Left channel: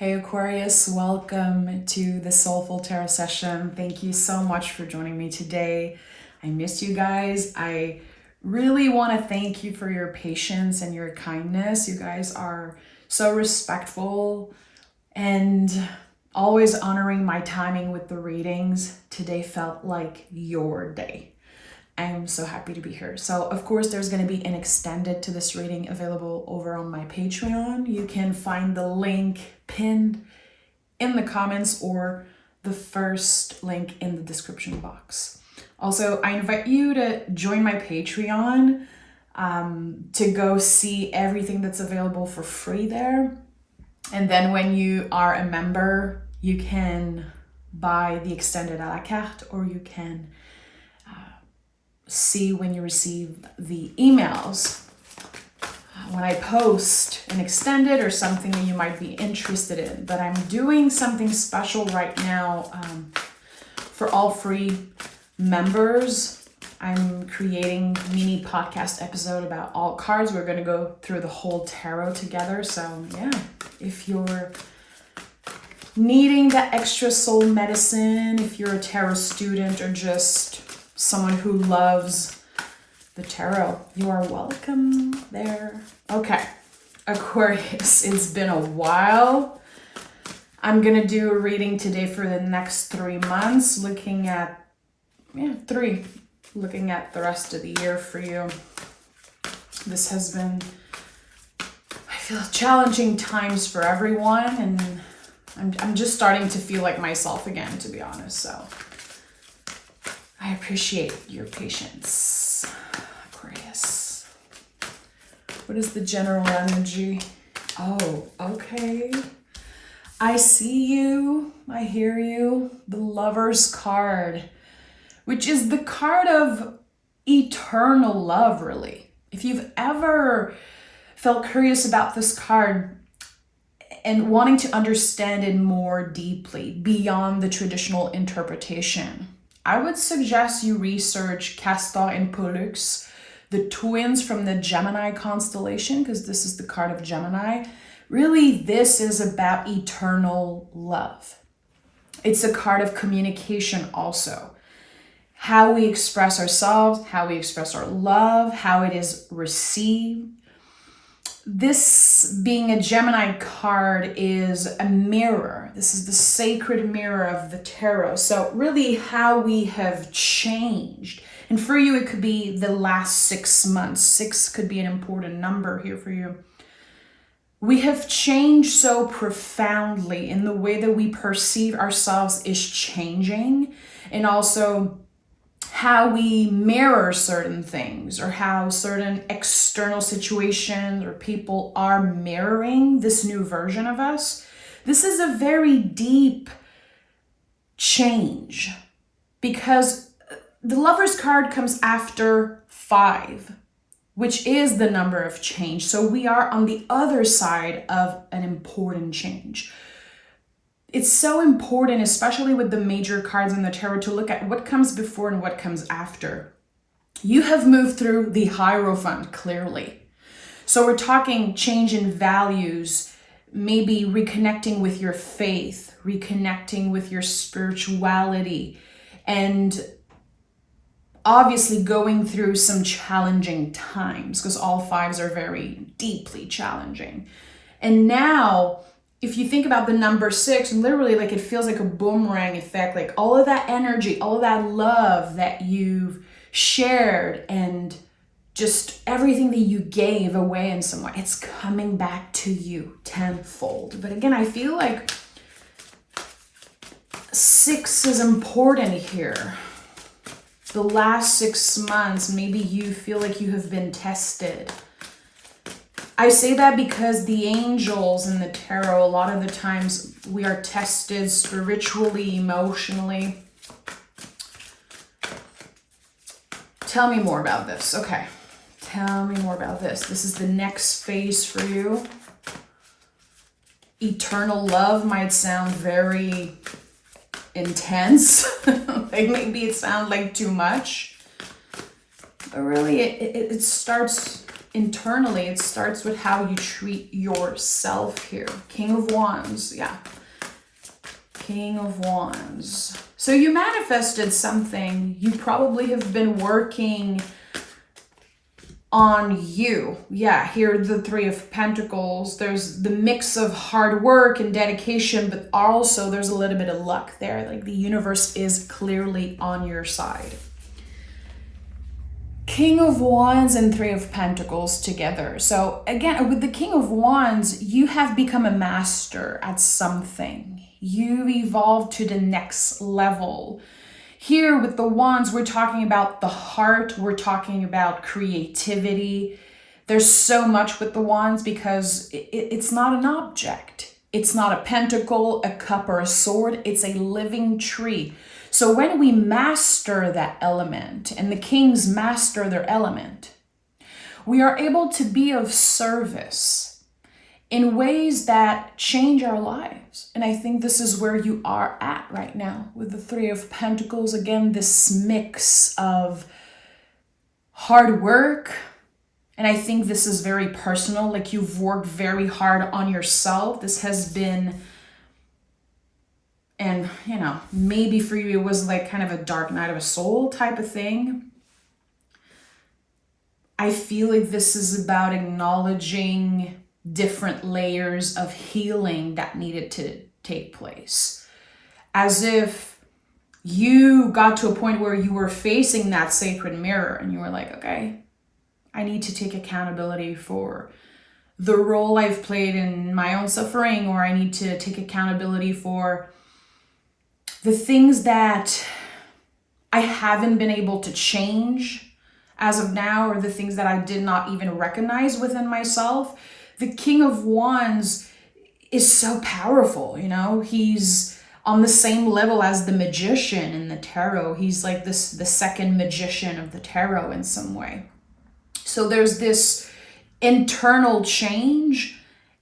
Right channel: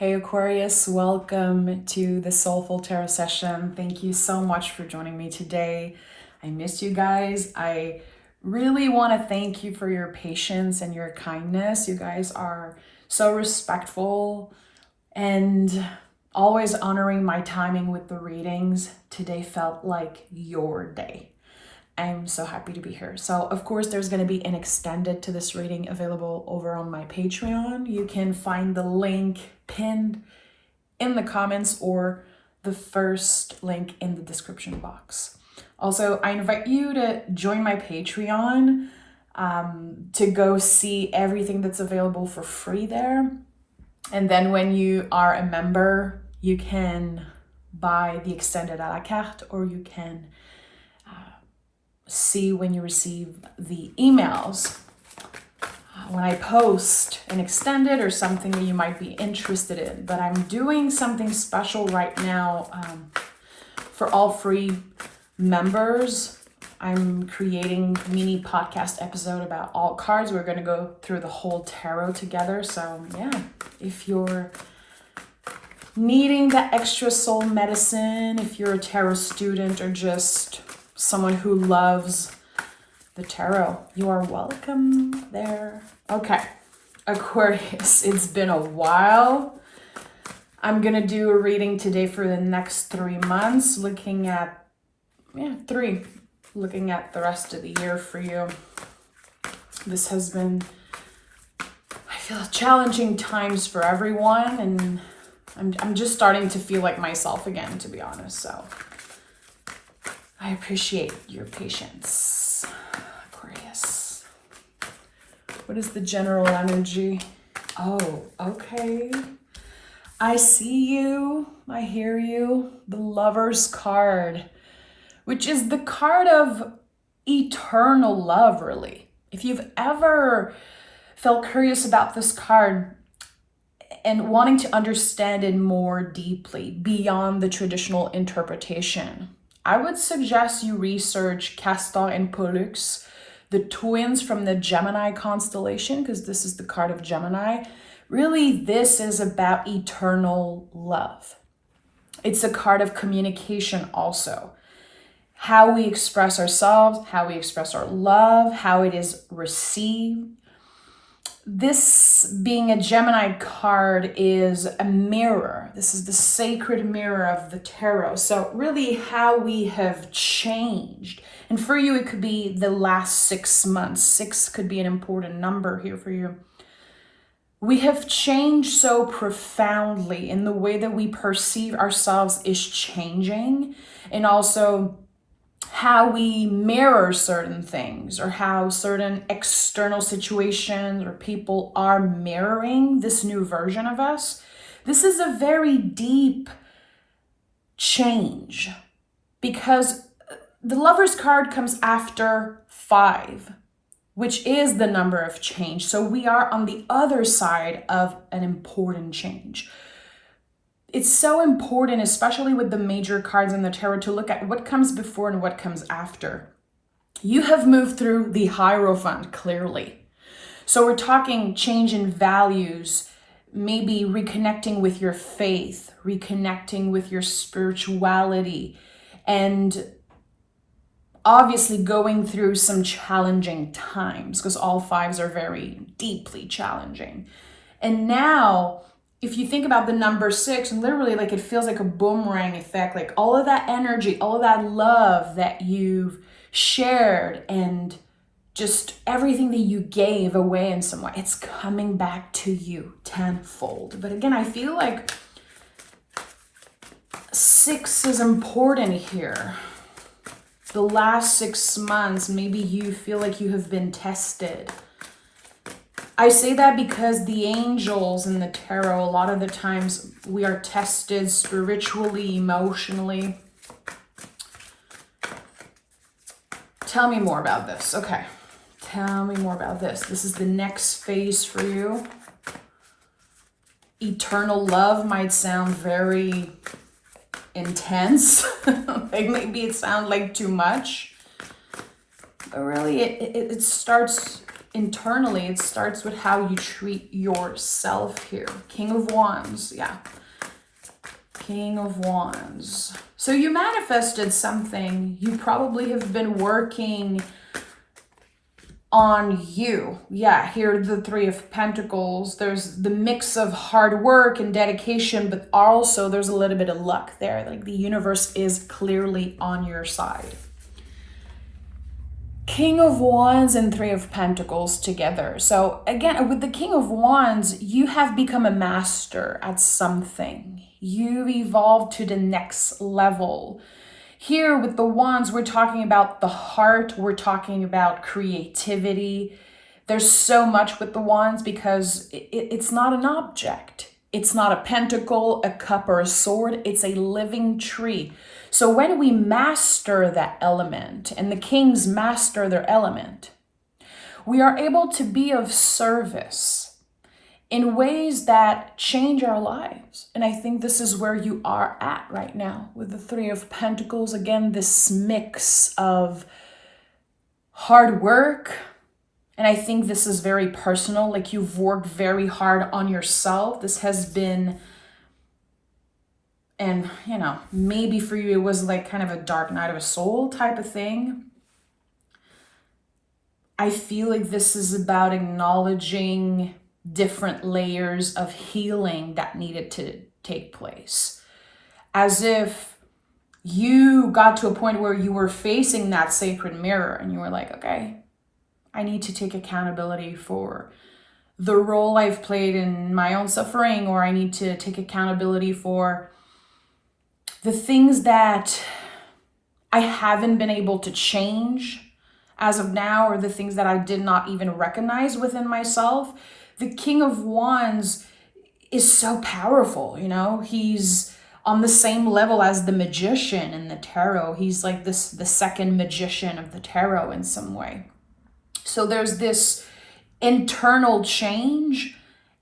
Hey Aquarius, welcome to the Soulful Tarot session. Thank you so much for joining me today. I miss you guys. I really want to thank you for your patience and your kindness. You guys are so respectful and always honoring my timing with the readings. Today felt like your day. I'm so happy to be here. So of course there's going to be an extended to this reading available over on my Patreon. You can find the link pinned in the comments or the first link in the description box. Also, I invite you to join my Patreon to go see everything that's available for free there. And then when you are a member, you can buy the extended a la carte, or you can see when you receive the emails when I post an extended or something that you might be interested in. But I'm doing something special right now for all free members. I'm creating a mini podcast episode about all cards. We're going to go through the whole tarot together. So yeah, if you're needing that extra soul medicine, if you're a tarot student or just someone who loves the tarot, you are welcome there. Okay, Aquarius, it's been a while. I'm gonna do a reading today for the next 3 months, looking at the rest of the year for you. This has been, I feel, challenging times for everyone, and I'm just starting to feel like myself again, to be honest. So I appreciate your patience, Aquarius. What is the general energy? Oh, okay. I see you. I hear you. The Lover's card, which is the card of eternal love, really. If you've ever felt curious about this card and wanting to understand it more deeply beyond the traditional interpretation, I would suggest you research Castor and Pollux, the twins from the Gemini constellation, because this is the card of Gemini. Really, this is about eternal love. It's a card of communication also. How we express ourselves, how we express our love, how it is received. This, being a Gemini card, is a mirror. This is the sacred mirror of the tarot. So really how we have changed. And for you, it could be the last 6 months. 6 could be an important number here for you. We have changed so profoundly in the way that we perceive ourselves is changing. And also how we mirror certain things, or how certain external situations or people are mirroring this new version of us. This is a very deep change, because the Lover's card comes after 5, which is the number of change. So we are on the other side of an important change. It's so important, especially with the major cards in the tarot, to look at what comes before and what comes after. You have moved through the Hierophant, clearly. So we're talking change in values, maybe reconnecting with your faith, reconnecting with your spirituality, and obviously going through some challenging times, because all 5s are very deeply challenging. And now, if you think about the number 6, and literally like it feels like a boomerang effect, like all of that energy, all of that love that you've shared, and just everything that you gave away in some way, it's coming back to you tenfold. But again, I feel like 6 is important here. The last 6 months, maybe you feel like you have been tested. I say that because the angels in the tarot, a lot of the times we are tested spiritually, emotionally. Tell me more about this. Okay, tell me more about this. This is the next phase for you. Eternal love might sound very intense. Like maybe it sounds like too much. But really, it starts internally. It starts with how you treat yourself here. King of Wands, yeah. King of Wands. So you manifested something. You probably have been working on you. Yeah, here the Three of Pentacles. There's the mix of hard work and dedication, but also there's a little bit of luck there. Like the universe is clearly on your side. King of Wands and Three of Pentacles together. So again, with the King of Wands, you have become a master at something. You've evolved to the next level. Here with the Wands, we're talking about the heart. We're talking about creativity. There's so much with the Wands because it's not an object. It's not a pentacle, a cup, or a sword. It's a living tree. So when we master that element, and the kings master their element, we are able to be of service in ways that change our lives. And I think this is where you are at right now with the Three of Pentacles. Again, this mix of hard work. And I think this is very personal. Like you've worked very hard on yourself. This has been, and you know, maybe for you it was like kind of a dark night of a soul type of thing. I feel like this is about acknowledging different layers of healing that needed to take place. As if you got to a point where you were facing that sacred mirror and you were like, okay, I need to take accountability for the role I've played in my own suffering, or I need to take accountability for the things that I haven't been able to change as of now, or the things that I did not even recognize within myself. The King of Wands is so powerful, you know? He's on the same level as the magician in the tarot. He's like the second magician of the tarot in some way. So there's this internal change,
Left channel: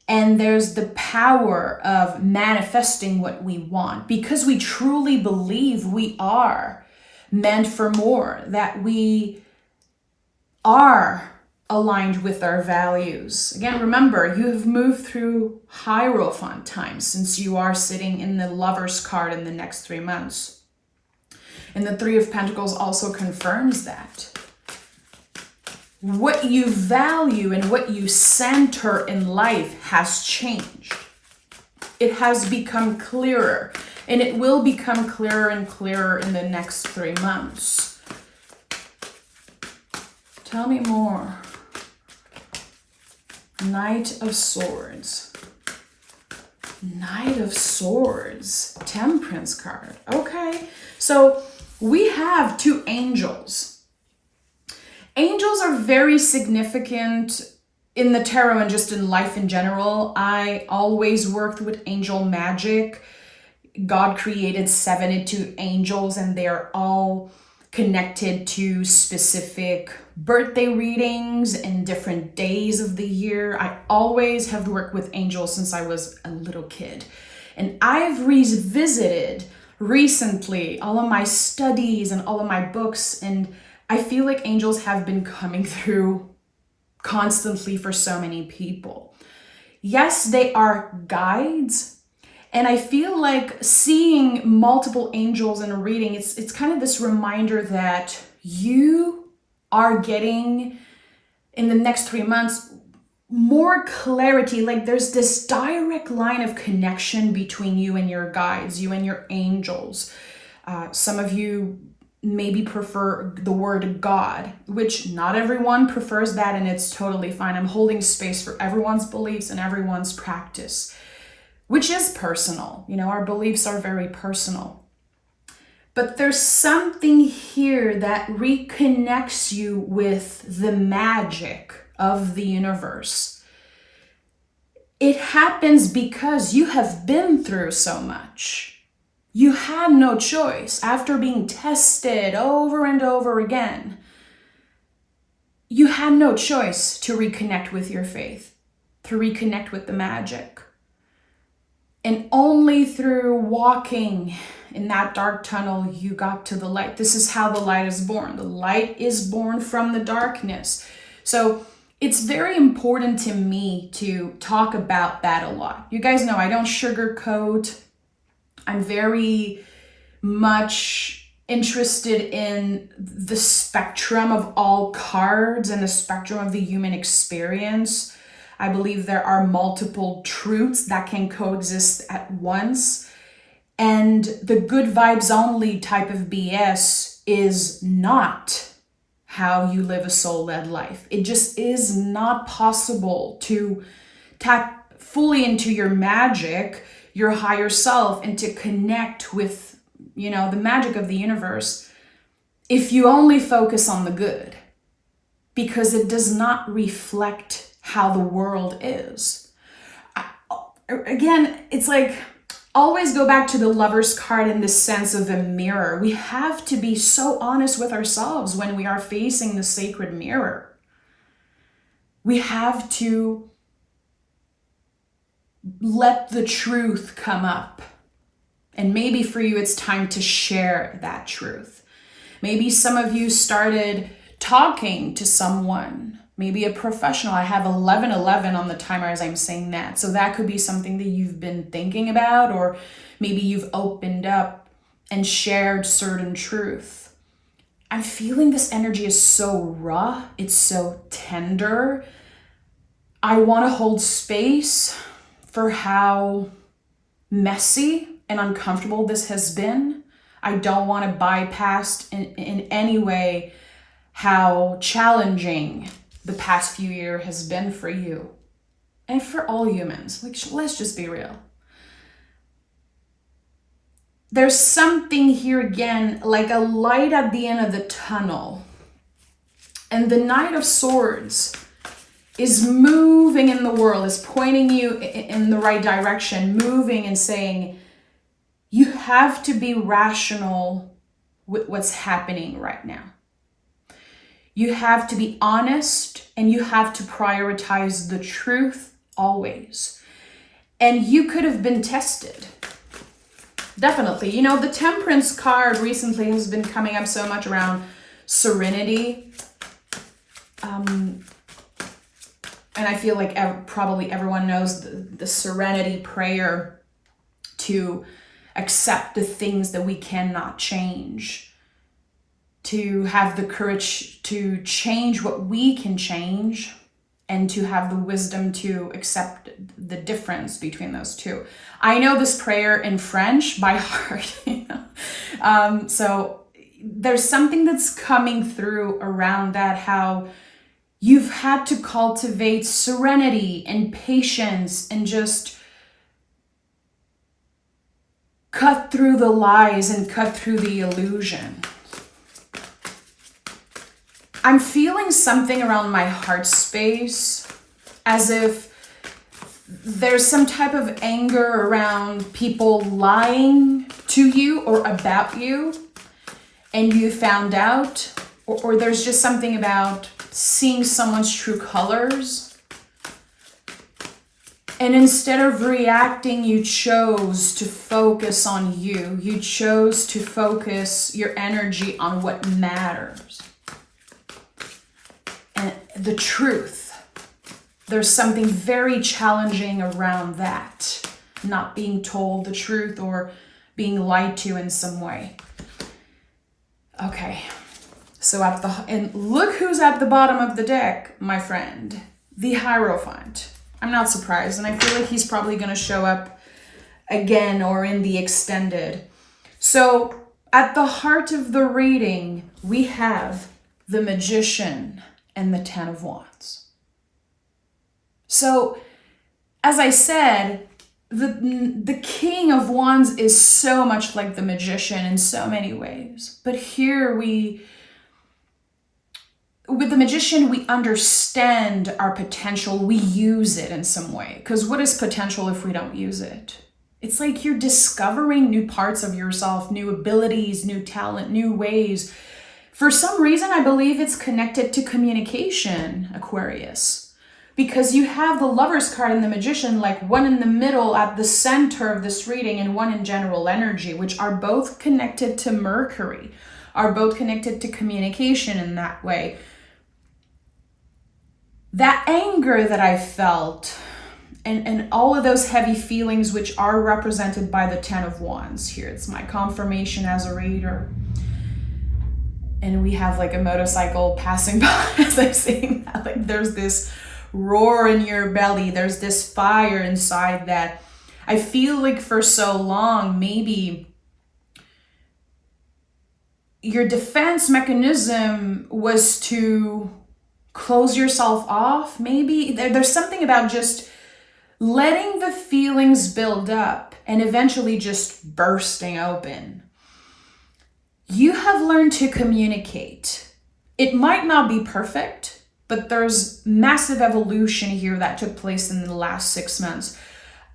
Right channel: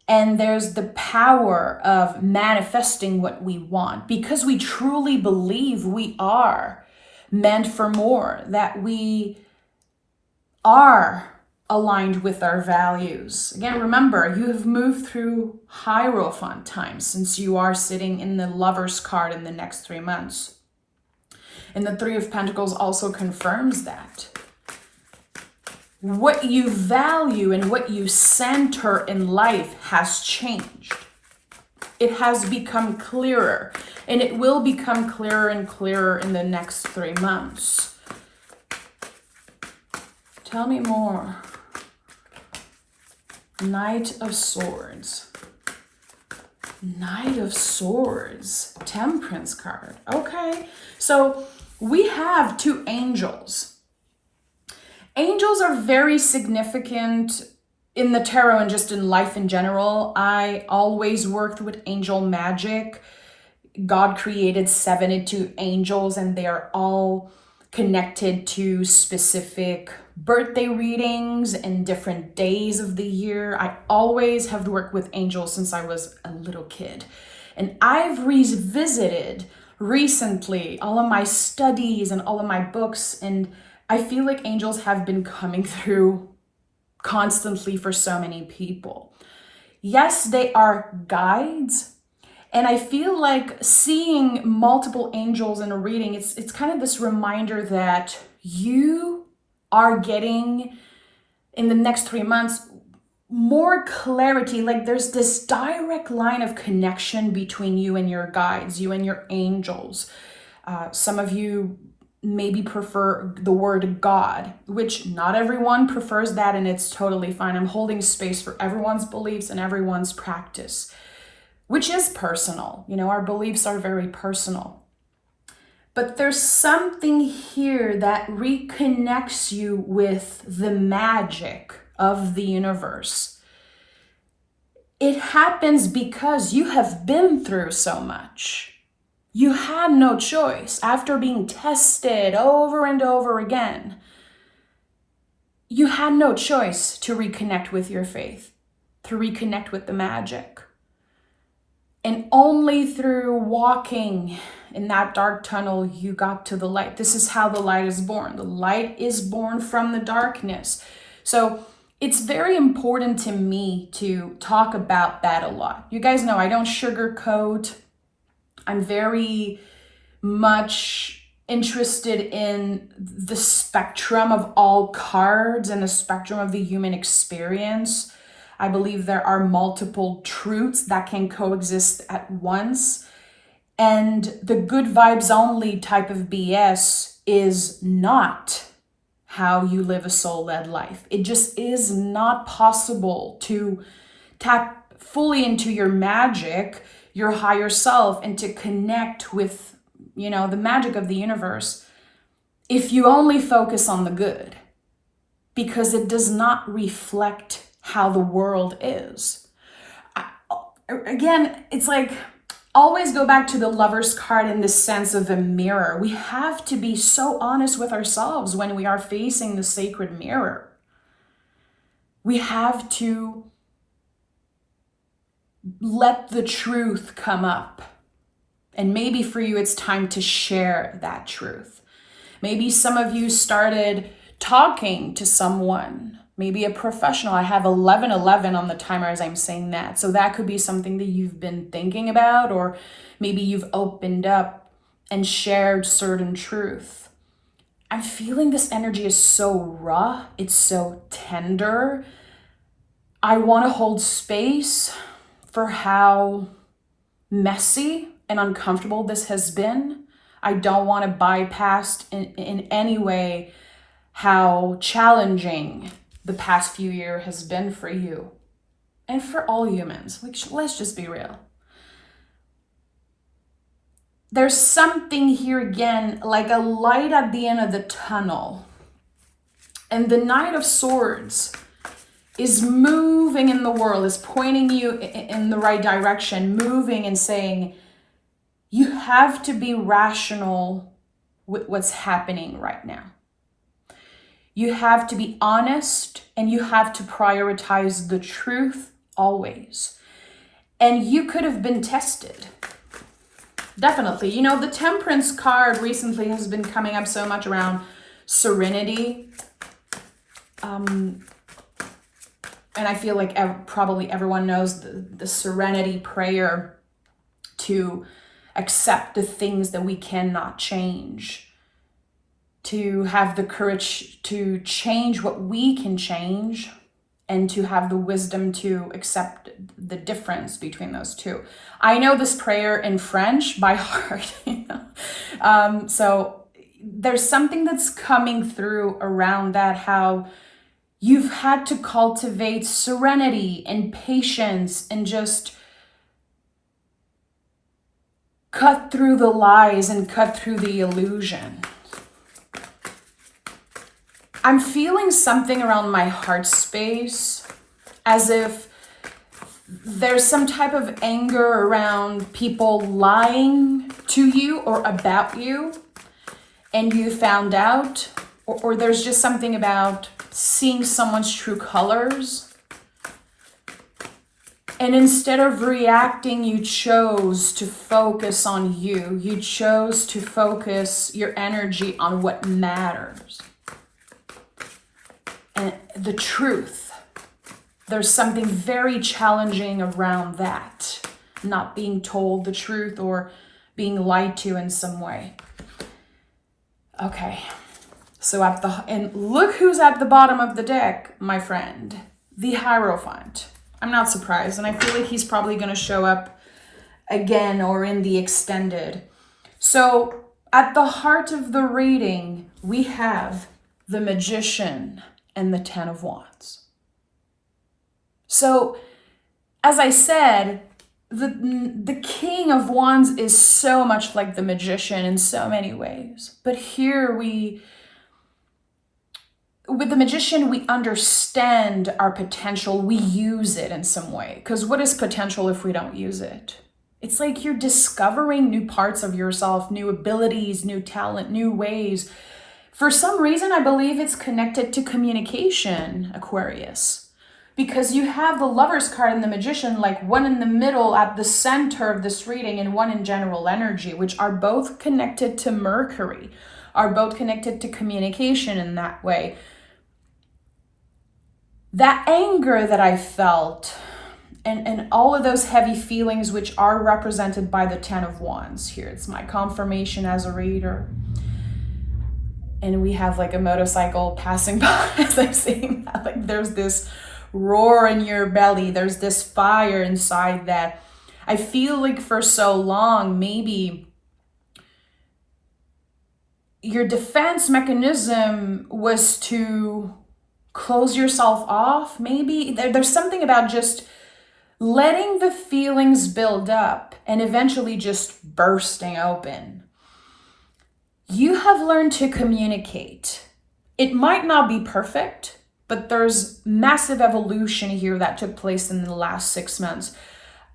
and there's the power of manifesting what we want because we truly believe we are meant for more, that we are aligned with our values. Again, remember, you have moved through Hierophant times since you are sitting in the Lover's card in the next 3 months. And the Three of Pentacles also confirms that. What you value and what you center in life has changed. It has become clearer, and it will become clearer and clearer in the next 3 months. Tell me more. Knight of Swords. Knight of Swords. Temperance card. Okay. So we have two angels. Angels are very significant in the tarot and just in life in general. I always worked with angel magic. God created 72 angels, and they are all connected to specific birthday readings and different days of the year. I always have worked with angels since I was a little kid. And I've revisited recently all of my studies and all of my books, and I feel like angels have been coming through constantly for so many people. Yes, they are guides. And I feel like seeing multiple angels in a reading, it's kind of this reminder that you are getting in the next 3 months more clarity. Like there's this direct line of connection between you and your guides, you and your angels. Some of you maybe prefer the word God, which not everyone prefers that, and it's totally fine. I'm holding space for everyone's beliefs and everyone's practice, which is personal. You know, our beliefs are very personal. But there's something here that reconnects you with the magic of the universe. It happens because you have been through so much. You had no choice after being tested over and over again. You had no choice to reconnect with your faith, to reconnect with the magic. And only through walking in that dark tunnel, you got to the light. This is how the light is born. The light is born from the darkness. So it's very important to me to talk about that a lot. You guys know I don't sugarcoat. I'm very much interested in the spectrum of all cards and the spectrum of the human experience. I believe there are multiple truths that can coexist at once. And the good vibes only type of BS is not how you live a soul-led life. It just is not possible to tap fully into your magic, your higher self, and to connect with, the magic of the universe if you only focus on the good, because it does not reflect how the world is. Again, it's like, always go back to the Lover's card in the sense of a mirror. We have to be so honest with ourselves when we are facing the sacred mirror. We have to let the truth come up. And maybe for you, it's time to share that truth. Maybe some of you started talking to someone, maybe a professional. I have 1111 on the timer as I'm saying that. So that could be something that you've been thinking about, or maybe you've opened up and shared certain truth. I'm feeling this energy is so raw. It's so tender. I want to hold space for how messy and uncomfortable this has been. I don't want to bypass in any way how challenging the past few years has been for you and for all humans. Let's just be real. There's something here again, like a light at the end of the tunnel. And the Knight of Swords is moving in the world, is pointing you in the right direction, moving and saying, you have to be rational with what's happening right now. You have to be honest, and you have to prioritize the truth always. And you could have been tested. Definitely. The Temperance card recently has been coming up so much around serenity. And I feel like probably everyone knows the serenity prayer to accept the things that we cannot change, to have the courage to change what we can change, and to have the wisdom to accept the difference between those two. I know this prayer in French by heart, so there's something that's coming through around that, how you've had to cultivate serenity and patience and just cut through the lies and cut through the illusion. I'm feeling something around my heart space, as if there's some type of anger around people lying to you or about you, and you found out, or there's just something about seeing someone's true colors. And instead of reacting, you chose to focus on you. You chose to focus your energy on what matters. And the truth. There's something very challenging around that. Not being told the truth or being lied to in some way. Okay. So and look who's at the bottom of the deck, my friend. The Hierophant. I'm not surprised, and I feel like he's probably going to show up again or in the extended. So at the heart of the reading, we have the Magician and the Ten of Wands. So as I said, the King of Wands is so much like the Magician in so many ways. But here with the Magician, we understand our potential. We use it in some way. Because what is potential if we don't use it? It's like you're discovering new parts of yourself, new abilities, new talent, new ways. For some reason, I believe it's connected to communication, Aquarius. Because you have the Lover's card and the Magician, like one in the middle at the center of this reading and one in general energy, which are both connected to Mercury, are both connected to communication in that way. that anger that I felt, and all of those heavy feelings, which are represented by the 10 of Wands here. It's my confirmation as a reader. And we have like a motorcycle passing by as I'm saying that. Like there's this roar in your belly. There's this fire inside that I feel like for so long, maybe your defense mechanism was to close yourself off. Maybe there's something about just letting the feelings build up and eventually just bursting open. You have learned to communicate. It might not be perfect, but there's massive evolution here that took place in the last 6 months.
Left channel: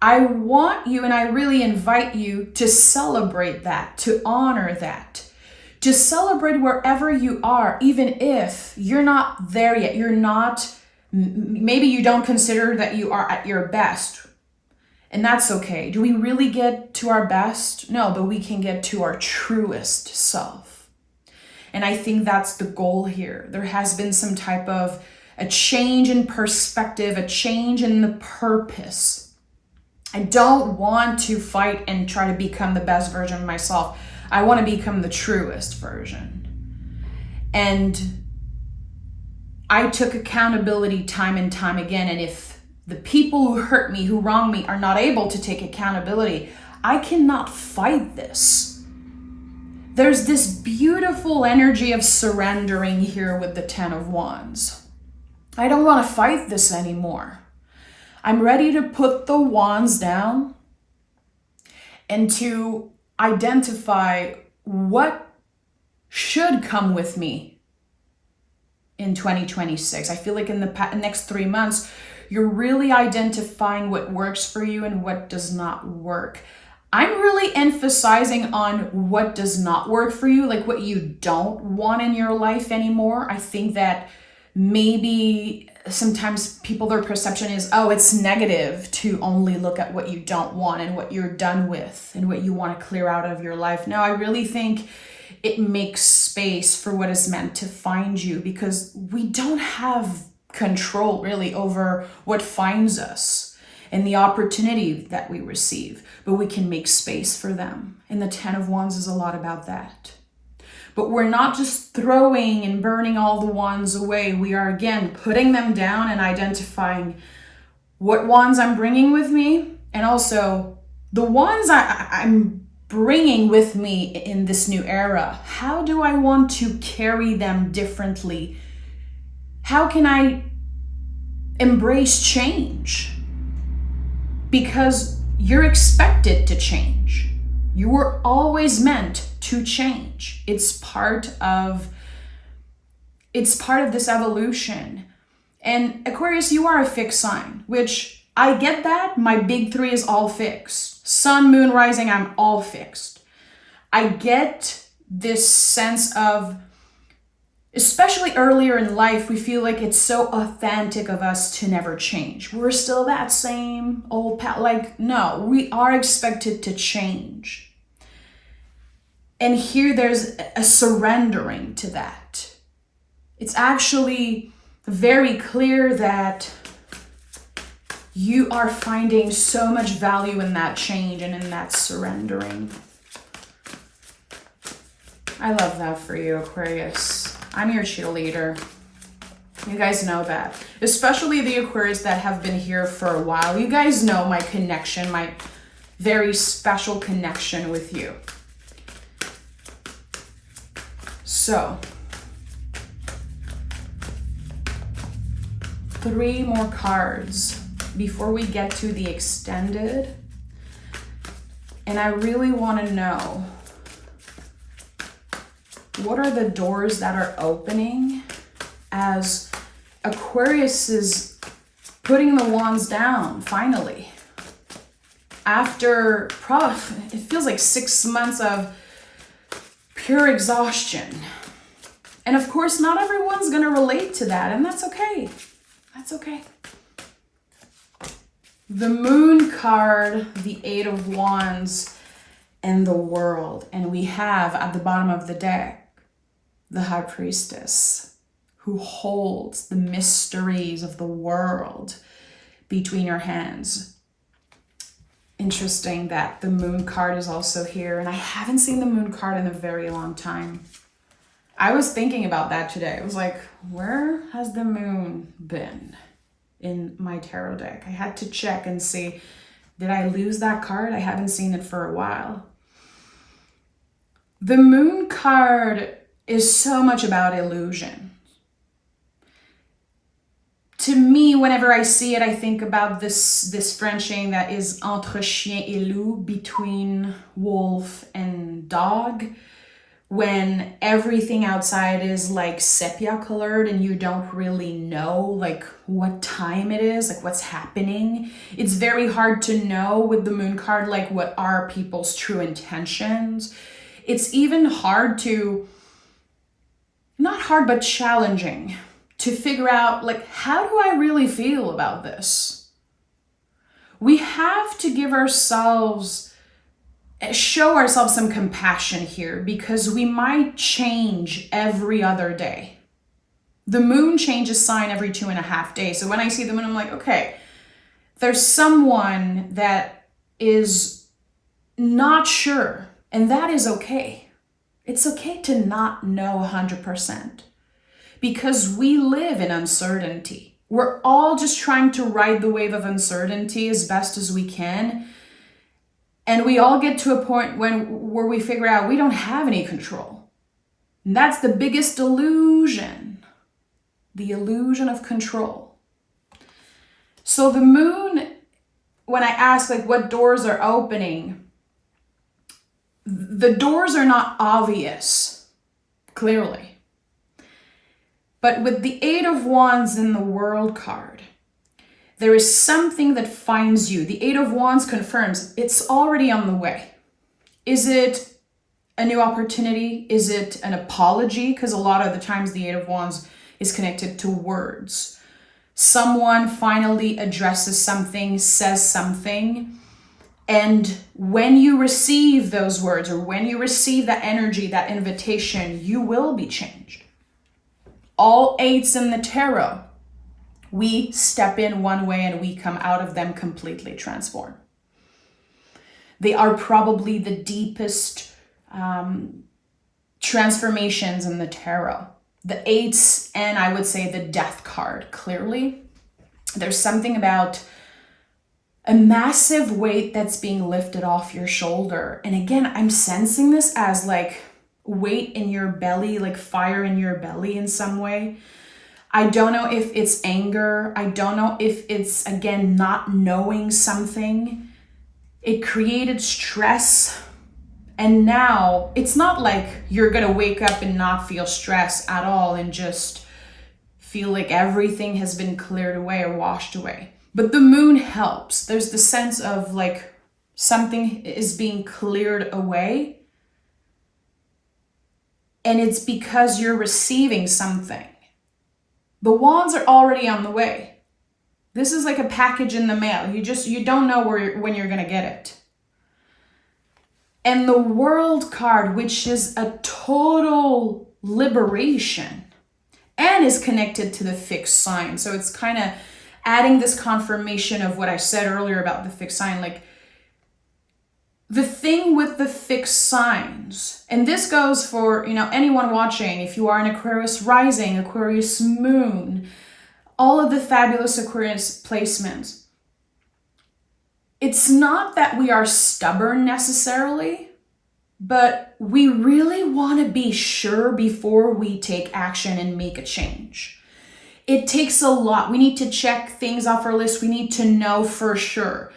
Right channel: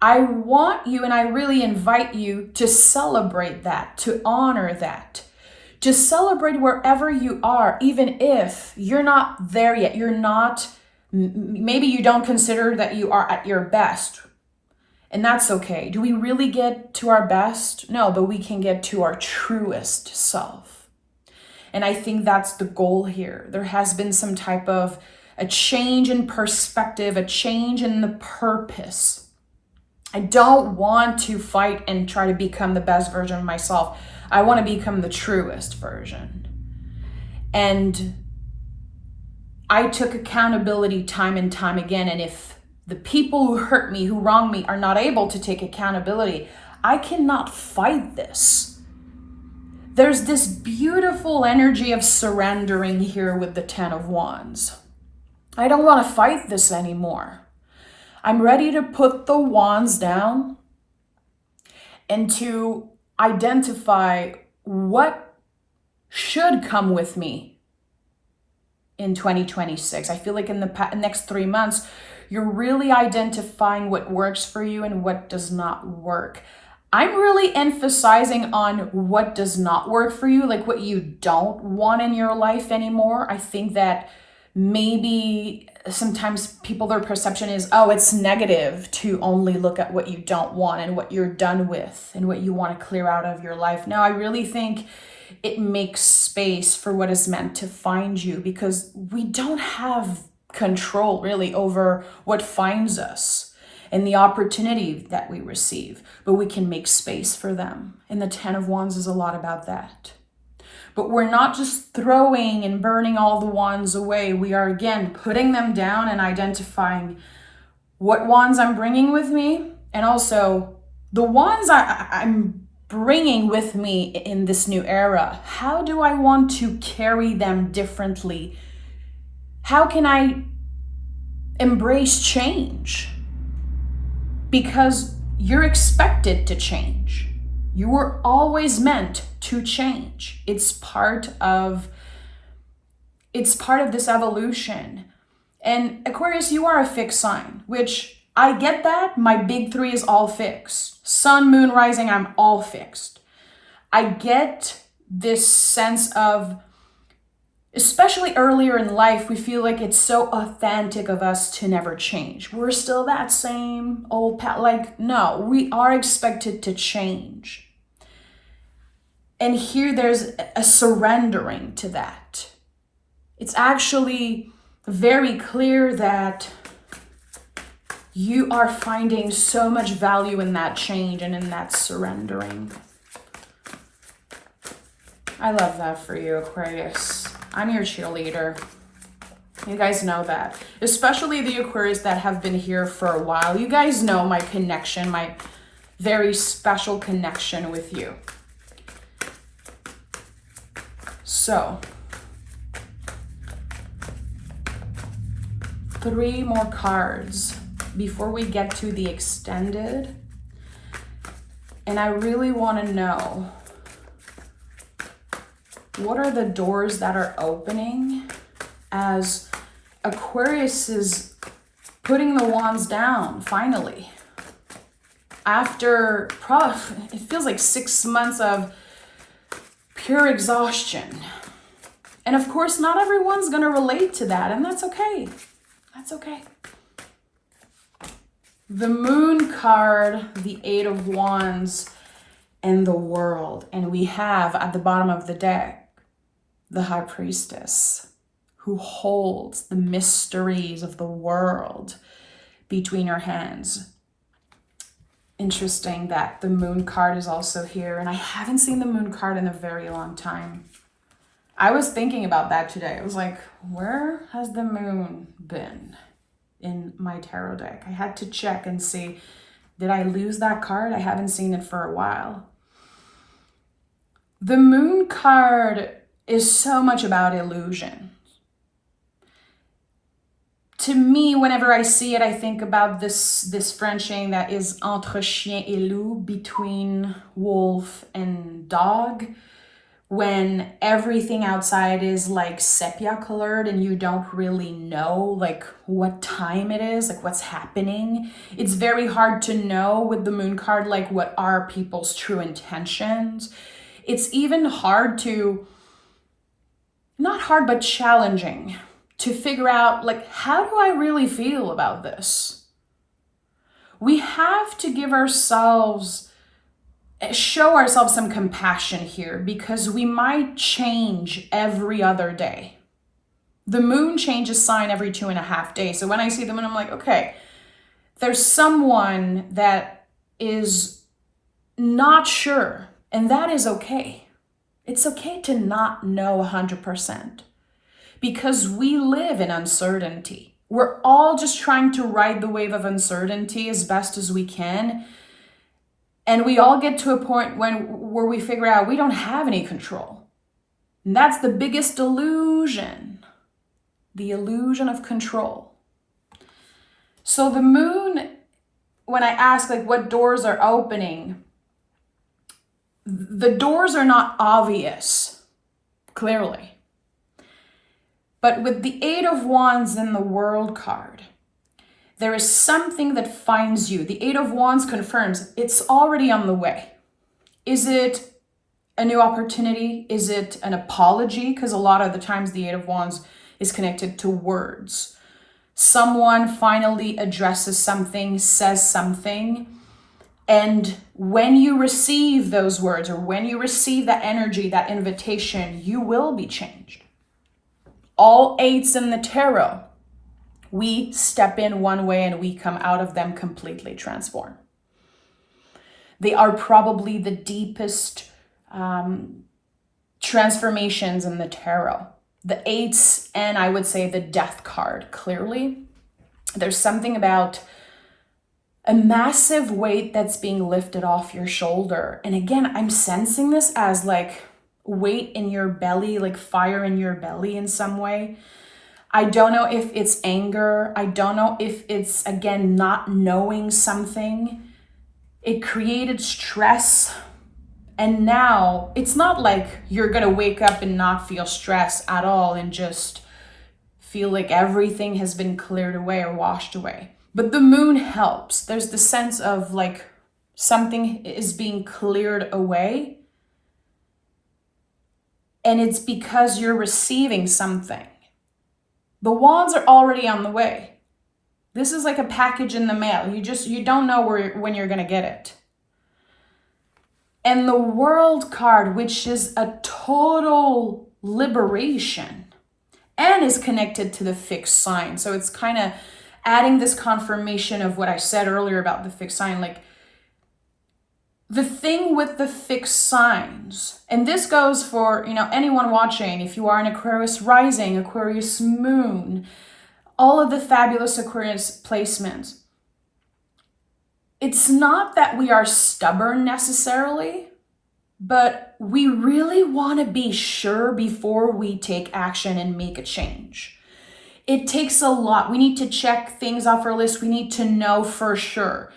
I want you, and I really invite you to celebrate that, to honor that, to celebrate wherever you are, even if you're not there yet. You're not, maybe you don't consider that you are at your best. And that's okay. Do we really get to our best? No, but we can get to our truest self. And I think that's the goal here. There has been some type of a change in perspective, a change in the purpose. I don't want to fight and try to become the best version of myself. I want to become the truest version. And I took accountability time and time again. And if the people who hurt me, who wrong me, are not able to take accountability, I cannot fight this. There's this beautiful energy of surrendering here with the 10 of Wands. I don't want to fight this anymore. I'm ready to put the wands down and to identify what should come with me in 2026. I feel like in the next 3 months, you're really identifying what works for you and what does not work. I'm really emphasizing on what does not work for you, like what you don't want in your life anymore. I think that maybe sometimes people, their perception is, oh, it's negative to only look at what you don't want and what you're done with and what you want to clear out of your life. Now, I really think it makes space for what is meant to find you, because we don't have control really over what finds us and the opportunity that we receive, but we can make space for them. And the 10 of Wands is a lot about that. But we're not just throwing and burning all the wands away. We are, again, putting them down and identifying what wands I'm bringing with me, and also the wands I'm bringing with me in this new era. How do I want to carry them differently? How can I embrace change? Because you're expected to change. You were always meant to change. It's part of this evolution. And Aquarius, you are a fixed sign, which I get that. My big 3 is all fixed. Sun, moon, rising, I'm all fixed. I get this sense of, especially earlier in life, we feel like it's so authentic of us to never change. We're still that same old no, we are expected to change. And here there's a surrendering to that. It's actually very clear that you are finding so much value in that change and in that surrendering. I love that for you, Aquarius. I'm your cheerleader. You guys know that. Especially the Aquarius that have been here for a while. You guys know my connection, my very special connection with you. So, 3 more cards before we get to the extended. And I really want to know, what are the doors that are opening as Aquarius is putting the wands down, finally? After, it feels like 6 months of pure exhaustion. And of course, not everyone's going to relate to that, and that's okay. That's okay. The Moon card, the 8 of Wands, and the World. And we have at the bottom of the deck, the High Priestess, who holds the mysteries of the world between your hands. Interesting that the moon card is also here, and I haven't seen the moon card in a very long time. I was thinking about that today. I was like, where has the moon been in my tarot deck? I had to check and see, did I lose that card? I haven't seen it for a while. The moon card is so much about illusion. To me, whenever I see it, I think about this French saying that is entre chien et loup, between wolf and dog, when everything outside is like sepia colored and you don't really know like what time it is, like what's happening. It's very hard to know with the moon card, like what are people's true intentions. It's even hard to, not hard, but challenging to figure out, like, how do I really feel about this? We have to show ourselves some compassion here, because we might change every other day. The moon changes sign every 2.5 days. So when I see the moon, I'm like, okay, there's someone that is not sure, and that is okay. It's okay to not know 100%. Because we live in uncertainty. We're all just trying to ride the wave of uncertainty as best as we can. And we all get to a point where we figure out we don't have any control. And that's the biggest illusion. The illusion of control. So the moon, when I ask like what doors are opening, the doors are not obvious, clearly. But with the Eight of Wands in the World card, there is something that finds you. The Eight of Wands confirms it's already on the way. Is it a new opportunity? Is it an apology? Because a lot of the times the Eight of Wands is connected to words. Someone finally addresses something, says something, and when you receive those words, or when you receive that energy, that invitation, you will be changed. All eights in the tarot, we step in one way and we come out of them completely transformed. They are probably the deepest transformations in the tarot. The eights, and I would say the death card, clearly. There's something about a massive weight that's being lifted off your shoulder. And again, I'm sensing this as like weight in your belly, like fire in your belly in some way. I don't know if it's anger. I don't know if it's, again, not knowing something. It created stress. And now it's not like you're going to wake up and not feel stress at all and just feel like everything has been cleared away or washed away. But the moon helps. There's the sense of like something is being cleared away. And it's because you're receiving something. The wands are already on the way. This is like a package in the mail. You don't know when you're going to get it. And the World card, which is a total liberation and is connected to the fixed sign. So it's kind of adding this confirmation of what I said earlier about the fixed sign. Like, the thing with the fixed signs, and this goes for, anyone watching, if you are an Aquarius rising, Aquarius moon, all of the fabulous Aquarius placements. It's not that we are stubborn necessarily, but we really want to be sure before we take action and make a change. It takes a lot. We need to check things off our list. We need to know for sure.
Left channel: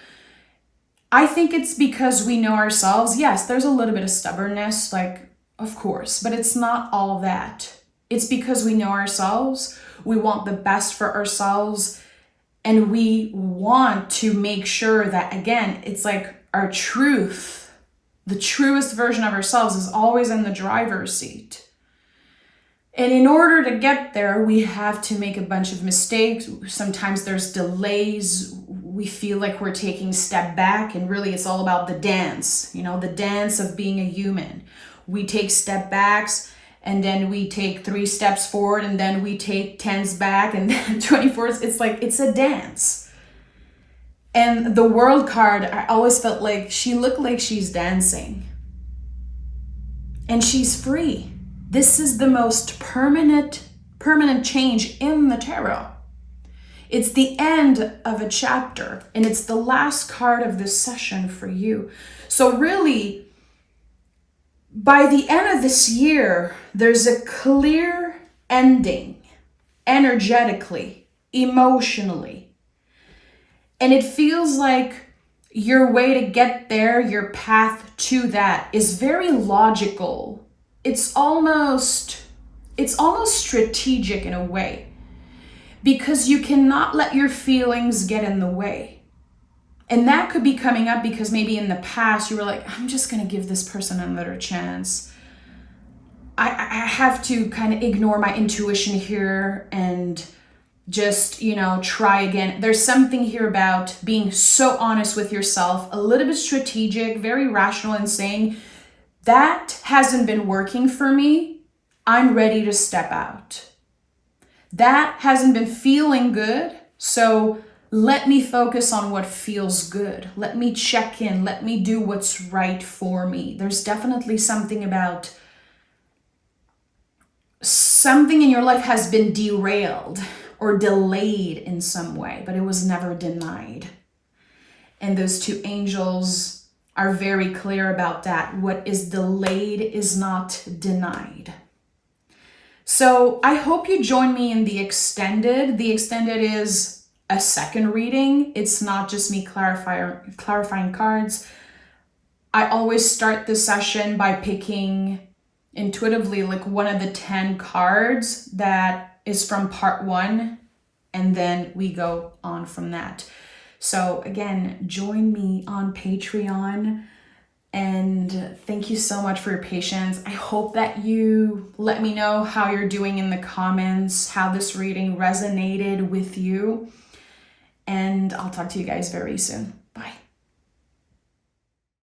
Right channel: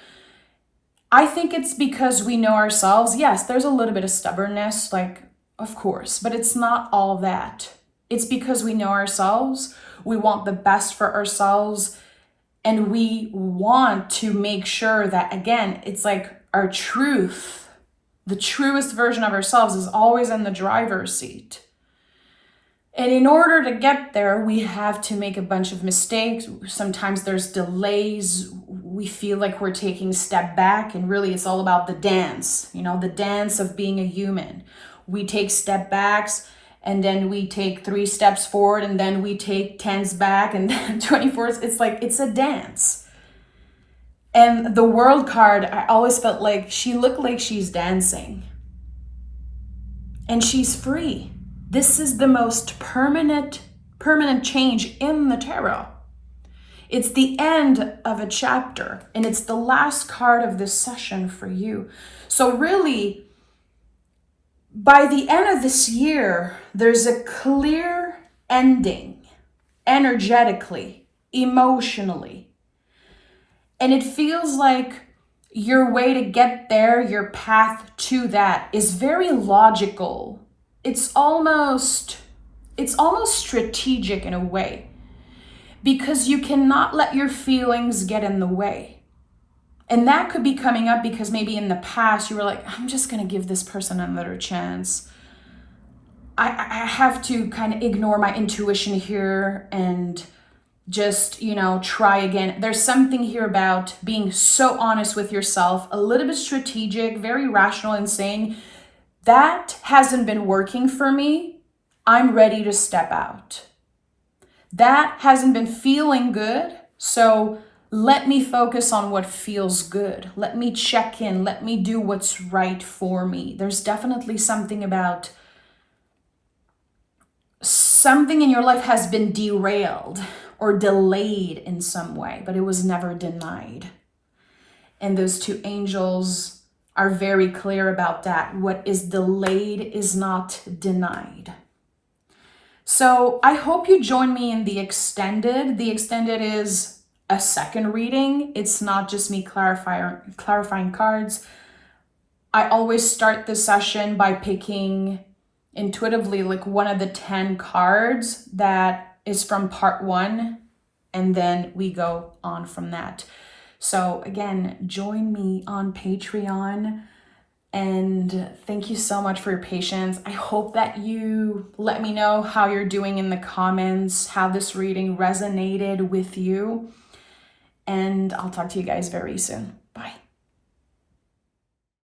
I think it's because we know ourselves. Yes, there's a little bit of stubbornness, like, of course, but it's not all that. It's because we know ourselves. We want the best for ourselves. And we want to make sure that, again, it's like our truth, the truest version of ourselves is always in the driver's seat. And in order to get there, we have to make a bunch of mistakes. Sometimes there's delays. We feel like we're taking a step back, and really it's all about the dance, the dance of being a human. We take step backs and then we take 3 steps forward, and then we take 10s back, and then 24s. It's like, it's a dance. And the World card, I always felt like she looked like she's dancing. And she's free. This is the most permanent change in the tarot. It's the end of a chapter, and it's the last card of this session for you. So really, by the end of this year, there's a clear ending, energetically, emotionally. And it feels like your way to get there, your path to that, is very logical. It's almost strategic in a way, because you cannot let your feelings get in the way. And that could be coming up because maybe in the past you were like, I'm just going to give this person another chance. I have to kind of ignore my intuition here and just, try again. There's something here about being so honest with yourself, a little bit strategic, very rational, and saying, that hasn't been working for me. I'm ready to step out. That hasn't been feeling good. So let me focus on what feels good. Let me check in. Let me do what's right for me. There's definitely something about something in your life has been derailed or delayed in some way, but it was never denied. And those 2 angels are very clear about that. What is delayed is not denied. So I hope you join me in the extended. The extended is a second reading. It's not just me clarifying cards. I always start the session by picking intuitively like one of the 10 cards that is from part 1, and then we go on from that. So again, join me on Patreon, and thank you so much for your patience. I hope that you let me know how you're doing in the comments, how this reading resonated with you, and I'll talk to you guys very soon. Bye.